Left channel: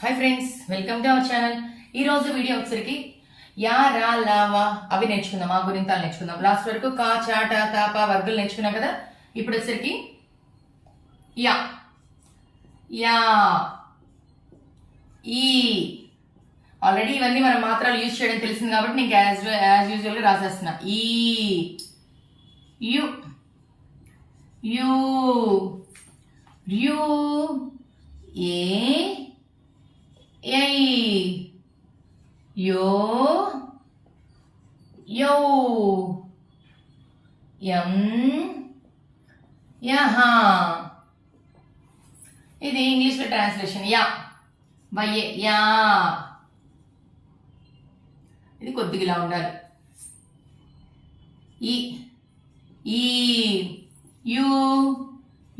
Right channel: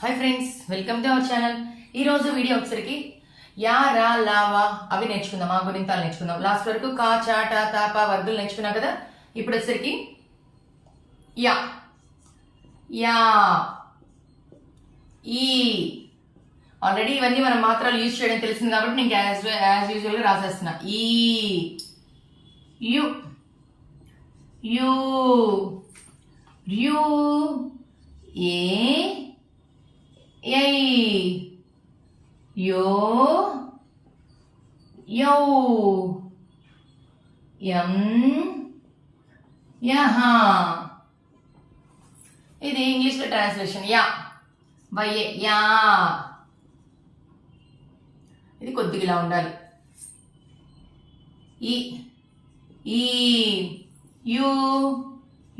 Hi friends, welcome to our channel. ఈ రోజు video వచ్చరికి యా రా లావా అవి నేర్చుకుందాం. ఆ గుణింతాలు నేర్చుకుందాం. లాస్ట్ వరకు కా చా టా తా పా వర్గులు నేర్చుకున్నాం కదా. ఇప్పుడు వచ్చరికి యా యా ఈ ఆల్రెడీ ఇవన్నీ మనం మాత్రాలు యూజ్ చేయడం తెలిసింది కాబట్టి నేను యాజ్ యూజువల్ గా రాసేస్తున్నా. ఈ యు యు యు ఏ యై యో యౌ యం యహా. ఇది ఇంగ్లీష్ లో ట్రాన్స్లేషన్. Yeah వయ్యే yeah. ఇది కొద్దిగా ఇలా ఉండాలి. ఈ ఈ యు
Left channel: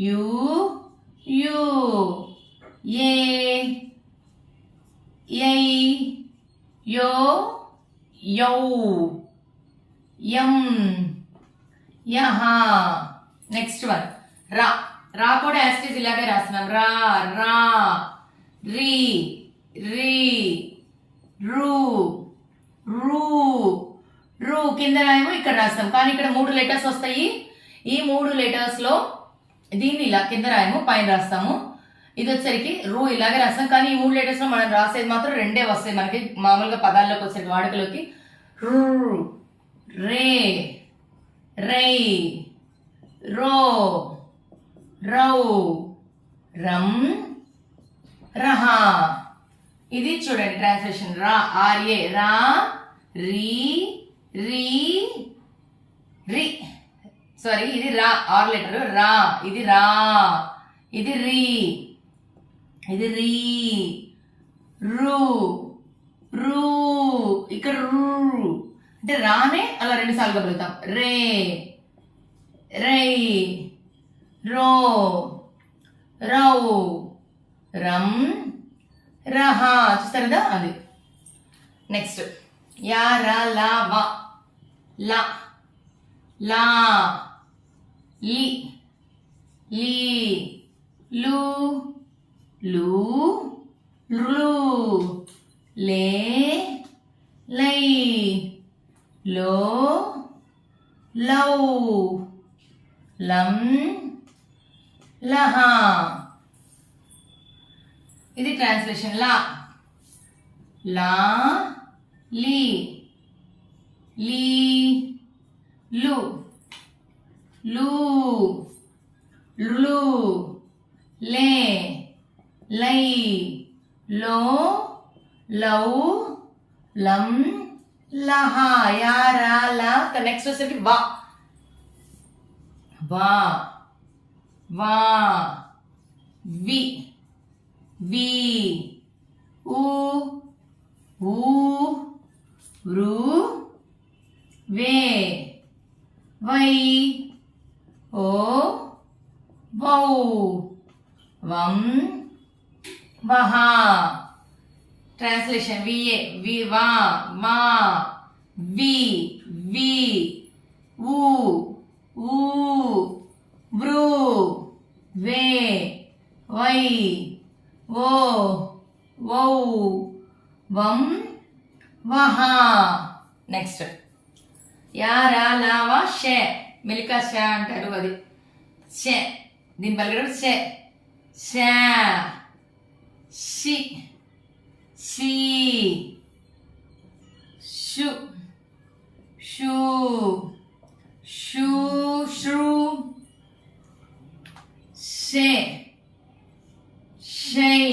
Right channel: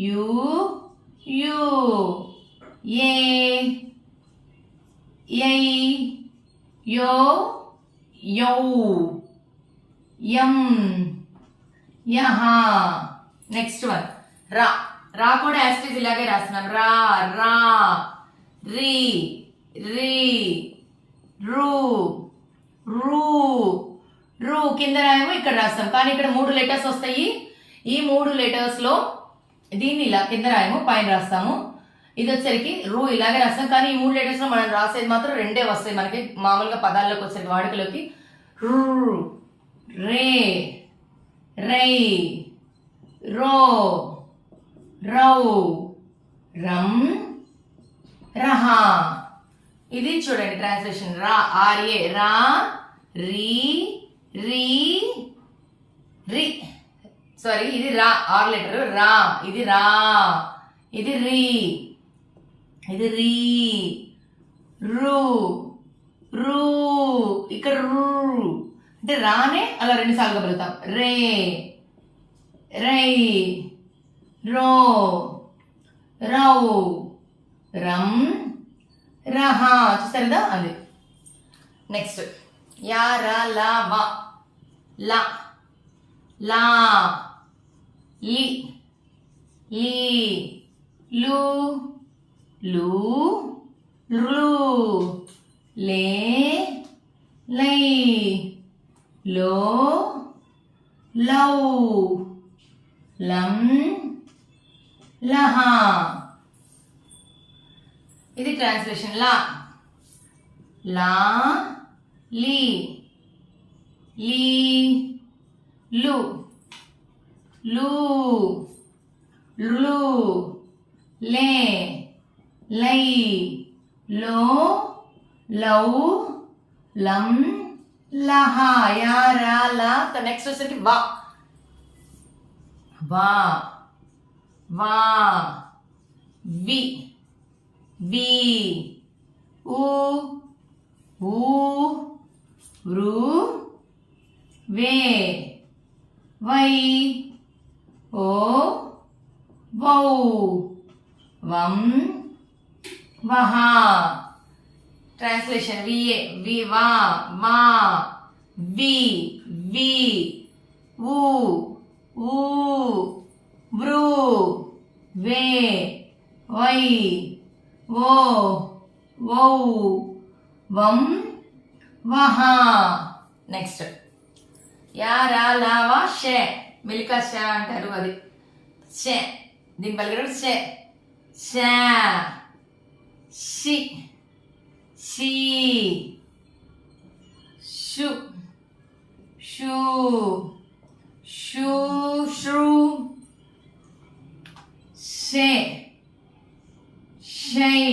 యు యు ఏ యై యో యౌ యం యహా. నెక్స్ట్ వన్ రా. రా కూడా యాస్టీజ్ ఇలాగే రాస్తున్నాం. రా రా రీ రీ రూ రూ రూ. కింద రాయము ఇక్కడ రాస్తాం, కానీ ఇక్కడ 3 లెటర్స్ వస్తాయి. ఈ 3 లెటర్స్ లో దీన్ని ఇలా కింద రాయము, పైన రాస్తాము. ఇది వచ్చరికి రూ ఇలాగే రాస్తాం, కానీ ఈ 3 లెటర్స్ లో మనం రాసేది మాత్రం 2 వస్తాయి మనకి మామూలుగా పదాల్లోకి వచ్చేది వాడుకలోకి. రూ రే రై రో రౌ రం రహా. ఇది చూడండి ట్రాన్స్లేషన్. రా ఆర్ఏ రా రీ రీ రీ సారీ ఇది రా 6 లెటర్ రా. ఇది రా, ఇది రీ, ఇది రీ రూ రూ. ఇక్కడ రూ అంటే రానే అలా 2 సార్లుగా పెరుగుతాం. రే రై రో రౌ రం రహా. చూస్తారు కదా అది. నెక్స్ట్ యా రా లా వా లా లా లి లీ లు లు లు లే లై లో లౌ లం లహా. ఇది ట్రాన్స్లేషన్. లా లా లీ లీ లు లు లు లే లై లో లౌ లం లహా. యా రా లా. నెక్స్ట్ వచ్చేసరికి వా వా వా వి వి ఊ ఊ రు వే వై ఓ వౌ వం వహా. ట్రాన్స్లేషన్. విఏ వి వా మా వి వి ఊ ఊ వృ వే వై ఓ వౌ వం వహా. నెక్స్ట్ యా రా లా వా షే. మిల్కా షా అంటారు, అది షే. దీని పలికేటప్పుడు షే షా షి షీ షు షూ షూ శ్రూ షే షై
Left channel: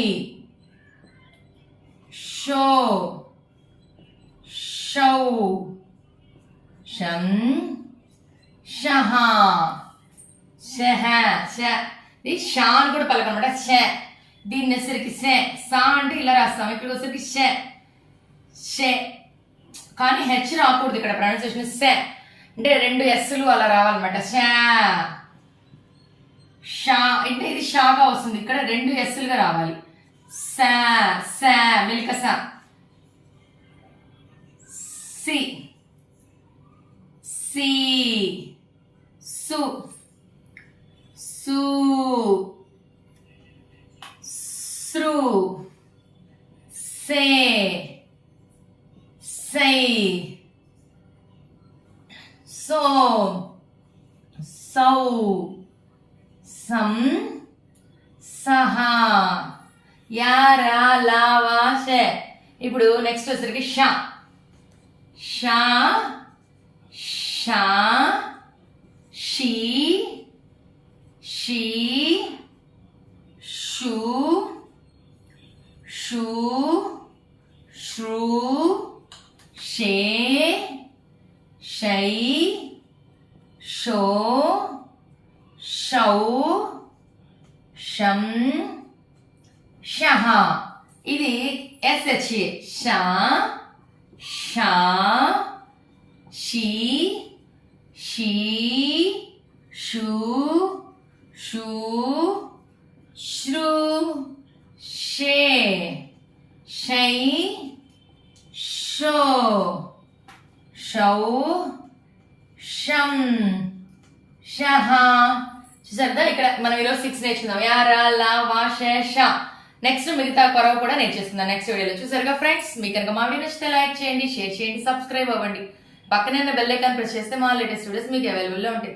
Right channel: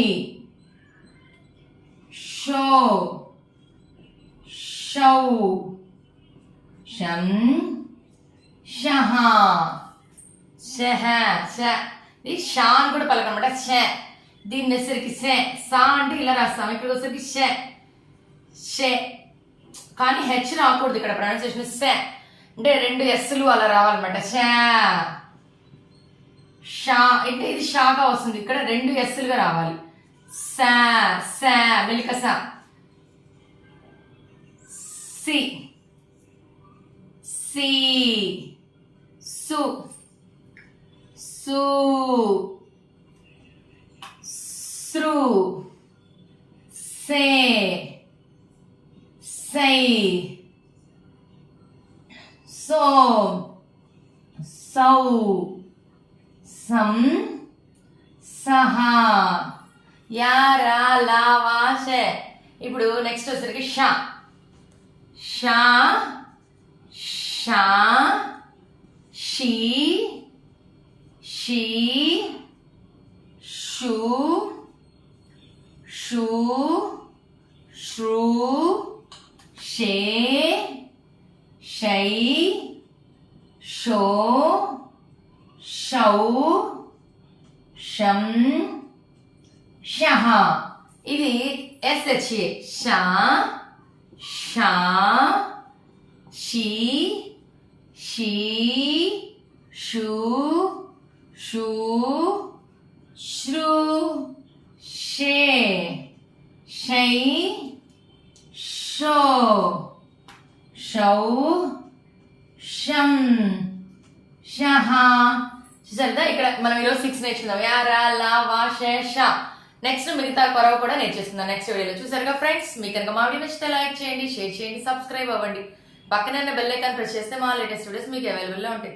షో షౌ షం షహా షహ ష. ఇది షా అని కూడా పలకనమాట. ష. దీన్ని వచ్చేసరికి షే సా అంటే ఇలా రాస్తాం. ఇక్కడ వచ్చేసరికి షే షే, కానీ హెచ్ రాకూడదు ఇక్కడ. ప్రొనౌన్సియేషన్ షే అంటే 2 ఎస్లు అలా రావాలన్నమాట. షా షా అంటే ఇది షాగా వస్తుంది. ఇక్కడ 2 ఎస్లుగా రావాలి. సా సా మిల్క సా. సి సి సు సు సే సై సో సౌ సం సహ యా రా లా వా షే. ఇప్పుడు నెక్స్ట్ వచ్చేసరికి షా షా షా షీ షీ షూ షూ శ్రూ షే షై షో షౌ షం షహ. ఇది ఎస్హెచ్ షా షా షీ షీ షూ షూ శ్రు షే షై షో షౌ షం షహ. చూసారు ఇక్కడ మనం ఈరోజు 6 నేర్చుకుందాం. యా రా లా వా షే షా. నెక్స్ట్ మిగతా కొరవ కూడా నేర్చేసుకుందాం నెక్స్ట్ వీడియోలో. చూసారుగా ఫ్రెండ్స్, మీకు కనుక మా వీడియో నచ్చితే లైక్ చేయండి, షేర్ చేయండి, సబ్స్క్రైబ్ అవ్వండి. పక్కనే బెల్ ఐకాన్ ప్రెస్ చేస్తే మా లేటెస్ట్ వీడియోస్ మీకు అవైలబుల్లో ఉంటాయి.